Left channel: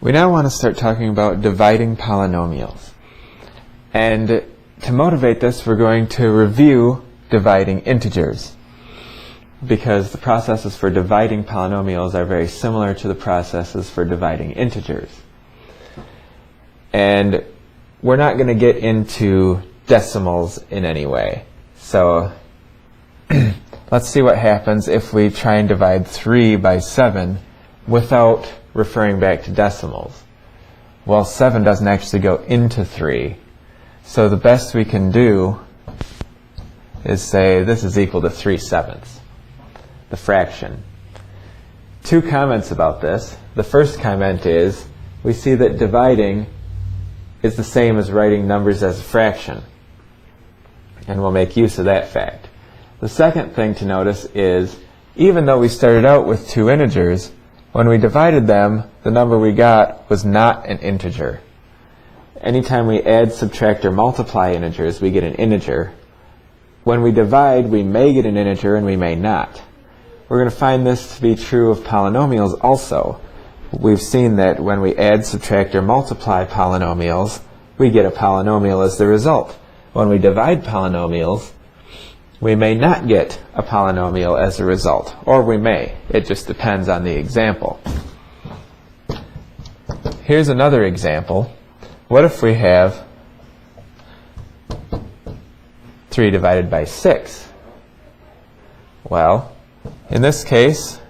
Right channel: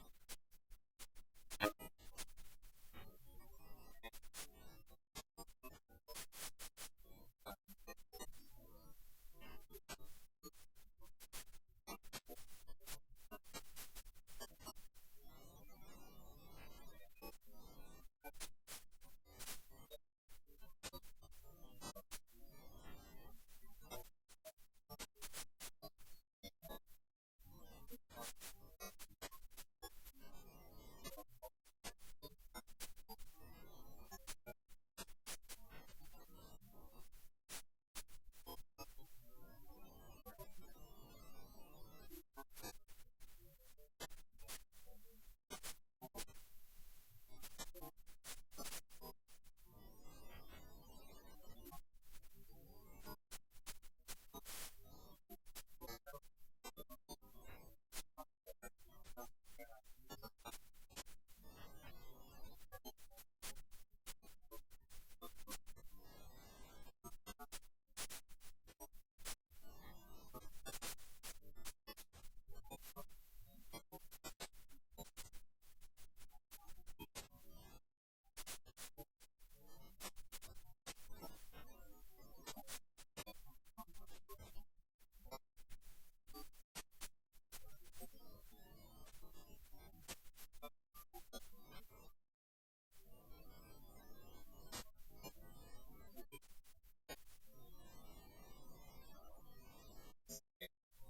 We now want to start talking about dividing polynomials. And to motivate this, we're going to review dividing integers, because the processes for dividing polynomials are very similar to the processes for dividing integers. And we're not going to get into decimals in any way. So let's see what happens if we try and divide 3 by 7 without referring back to decimals. Well, 7 doesn't actually go into 3. So the best we can do is say this is equal to 3/7, the fraction. Two comments about this. The first comment is we see that dividing is the same as writing numbers as a fraction, and we'll make use of that fact. The second thing to notice is even though we started out with two integers, when we divided them, the number we got was not an integer. Anytime we add, subtract, or multiply integers, we get an integer. When we divide, we may get an integer and we may not. We're going to find this to be true of polynomials also. We've seen that when we add, subtract, or multiply polynomials, we get a polynomial as the result. When we divide polynomials, we may not get a polynomial as a result, or we may. It just depends on the example. Here's another example. What if we have 3 divided by 6? Well, in this case,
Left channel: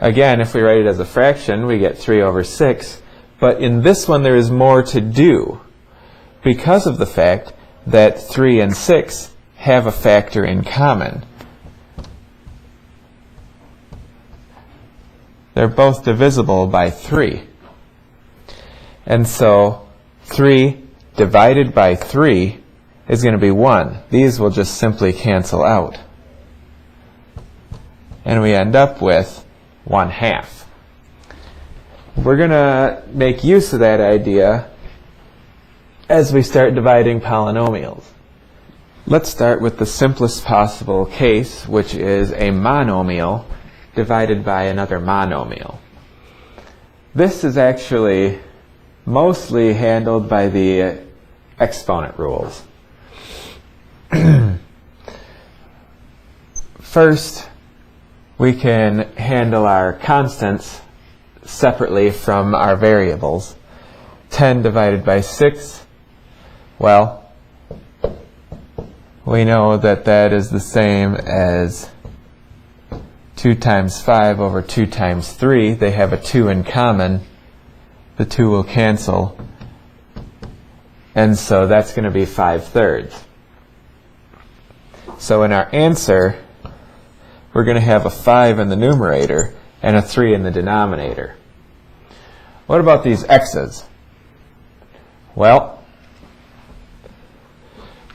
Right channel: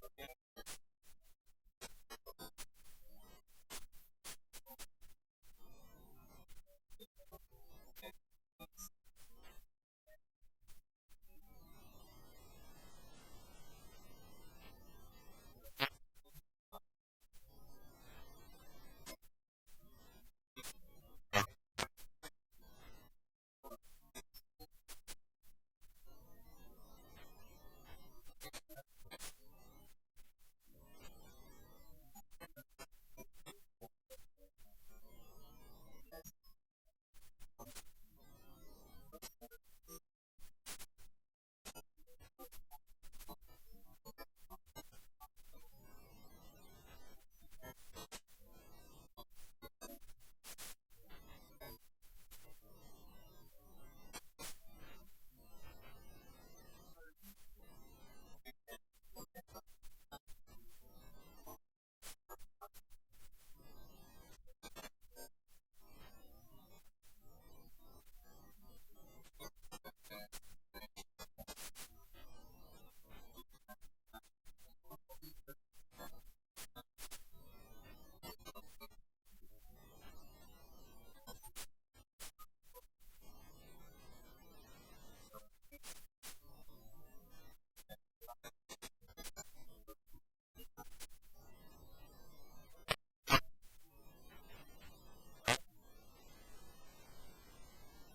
again, if we write it as a fraction, we get 3 over 6. But in this one, there is more to do because of the fact that 3 and 6 have a factor in common. They're both divisible by 3. And so 3 divided by 3 is going to be 1. These will just simply cancel out. And we end up with 1/2. We're going to make use of that idea as we start dividing polynomials. Let's start with the simplest possible case, which is a monomial divided by another monomial. This is actually mostly handled by the exponent rules. First, we can handle our constants separately from our variables. 10 divided by 6, well, we know that that is the same as 2 times 5 over 2 times 3. They have a 2 in common. The 2 will cancel. And so that's going to be 5/3. So in our answer, we're going to have a 5 in the numerator and a 3 in the denominator. What about these x's? Well,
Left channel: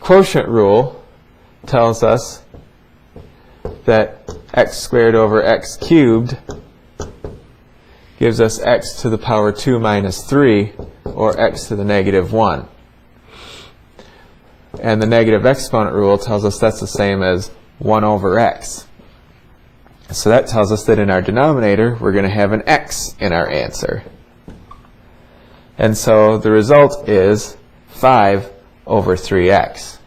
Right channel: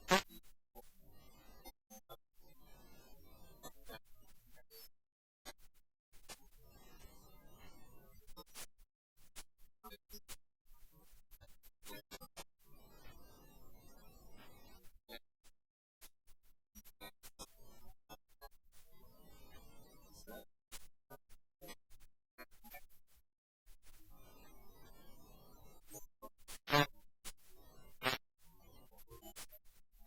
quotient rule tells us that x squared over x cubed gives us x to the power 2 minus 3, or x to the negative 1. And the negative exponent rule tells us that's the same as 1 over x. So that tells us that in our denominator, we're going to have an x in our answer. And so the result is 5 over 3x.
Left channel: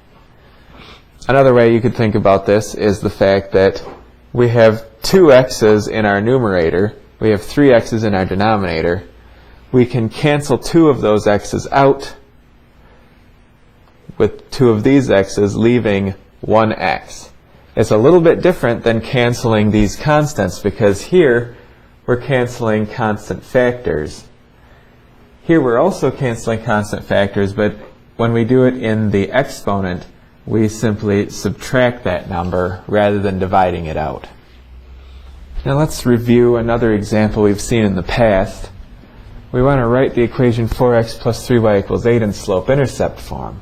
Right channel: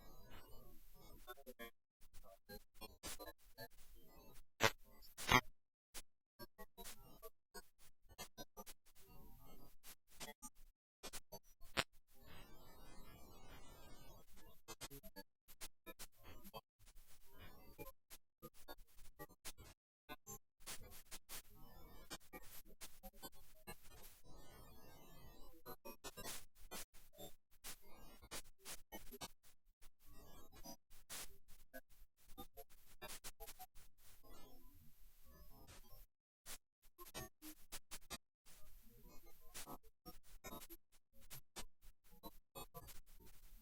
Another way you could think about this is the fact that we have 2 x's in our numerator. We have 3 x's in our denominator. We can cancel 2 of those x's out with 2 of these x's, leaving 1 x. It's a little bit different than canceling these constants, because here we're canceling constant factors. Here we're also canceling constant factors, but when we do it in the exponent, we simply subtract that number rather than dividing it out. Now let's review another example we've seen in the past. We want to write the equation 4x plus 3y equals 8 in slope-intercept form.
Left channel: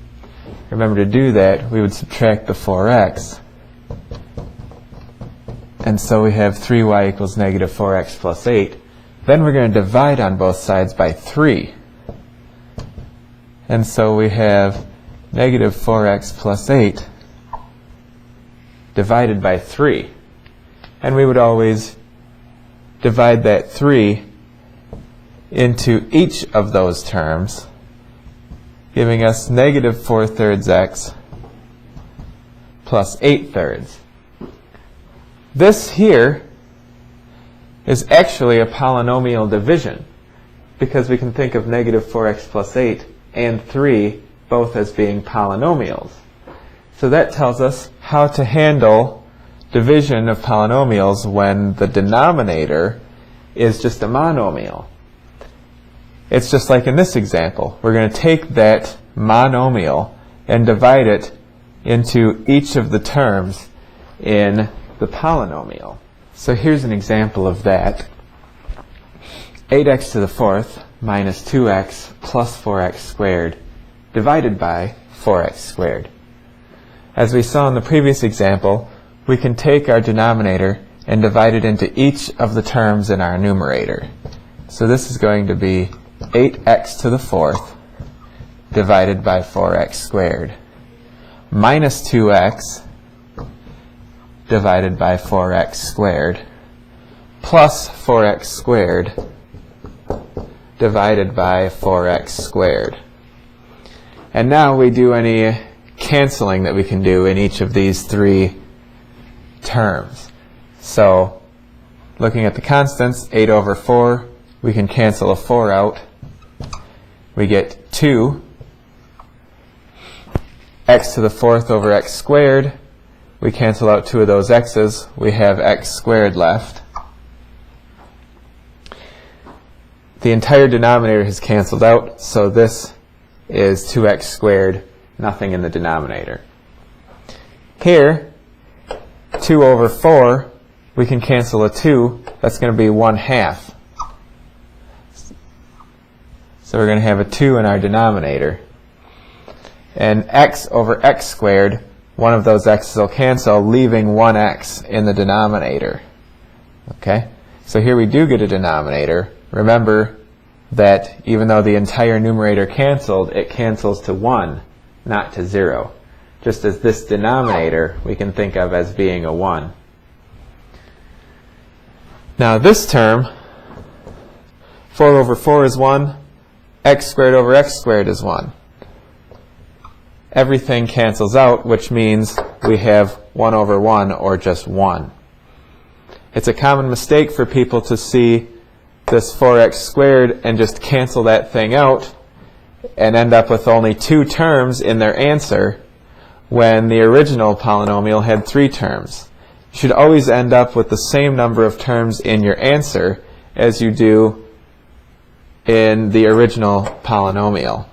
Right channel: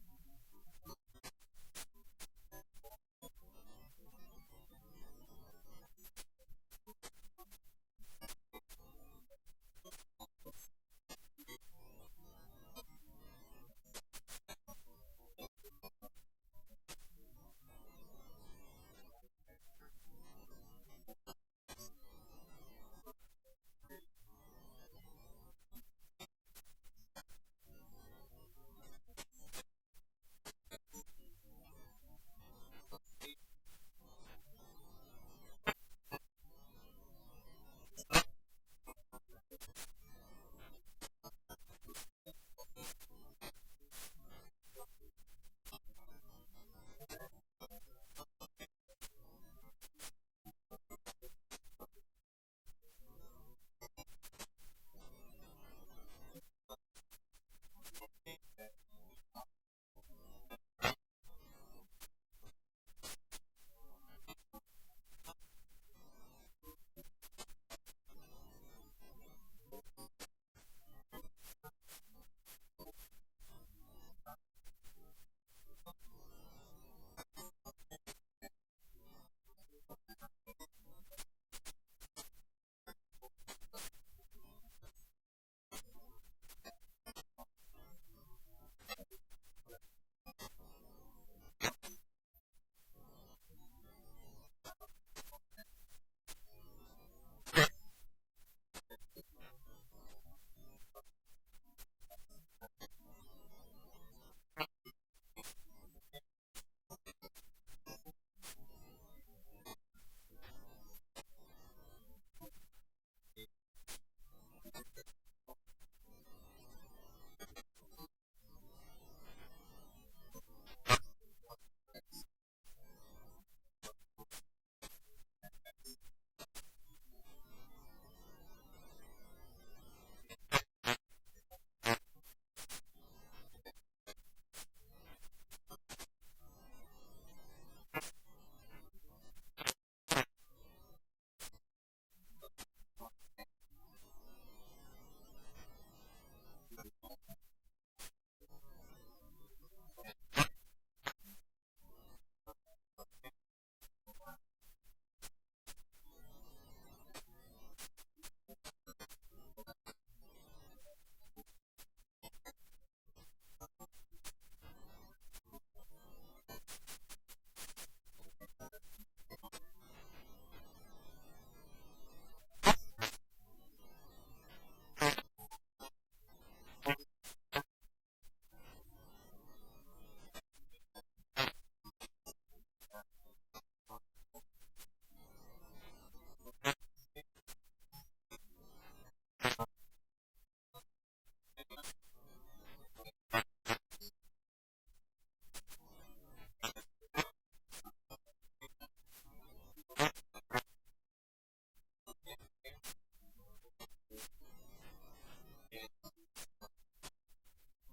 Remember, to do that, we would subtract the 4x. And so we have 3y equals negative 4x plus 8. Then we're going to divide on both sides by 3. And so we have negative 4x plus 8 divided by 3. And we would always divide that 3 into each of those terms, giving us negative 4/3 x plus 8/3. This here is actually a polynomial division, because we can think of negative 4x plus 8 and 3 both as being polynomials. So that tells us how to handle division of polynomials when the denominator is just a monomial. It's just like in this example. We're going to take that monomial and divide it into each of the terms in the polynomial. So here's an example of that. 8x to the fourth minus 2x plus 4x squared divided by 4x squared. As we saw in the previous example, we can take our denominator and divide it into each of the terms in our numerator. So this is going to be 8x to the fourth divided by 4x squared minus 2x divided by 4x squared plus 4x squared divided by 4x squared. And now we do any canceling that we can do in each of these three terms. So looking at the constants, 8 over 4, we can cancel a 4 out. We get 2. X to the fourth over x squared. We cancel out 2 of those x's. We have x squared left. The entire denominator has canceled out, so this is 2x squared, nothing in the denominator. Here, 2 over 4, we can cancel a 2. That's going to be 1/2. So we're going to have a 2 in our denominator. And x over x squared, one of those x's will cancel, leaving 1x in the denominator. Okay? So here we do get a denominator. Remember that even though the entire numerator canceled, it cancels to 1, not to 0. Just as this denominator we can think of as being a 1. Now this term, 4 over 4 is 1, x squared over x squared is 1. Everything cancels out, which means we have 1 over 1, or just 1. It's a common mistake for people to see this 4x squared and just cancel that thing out and end up with only 2 terms in their answer when the original polynomial had 3 terms. You should always end up with the same number of terms in your answer as you do in the original polynomial.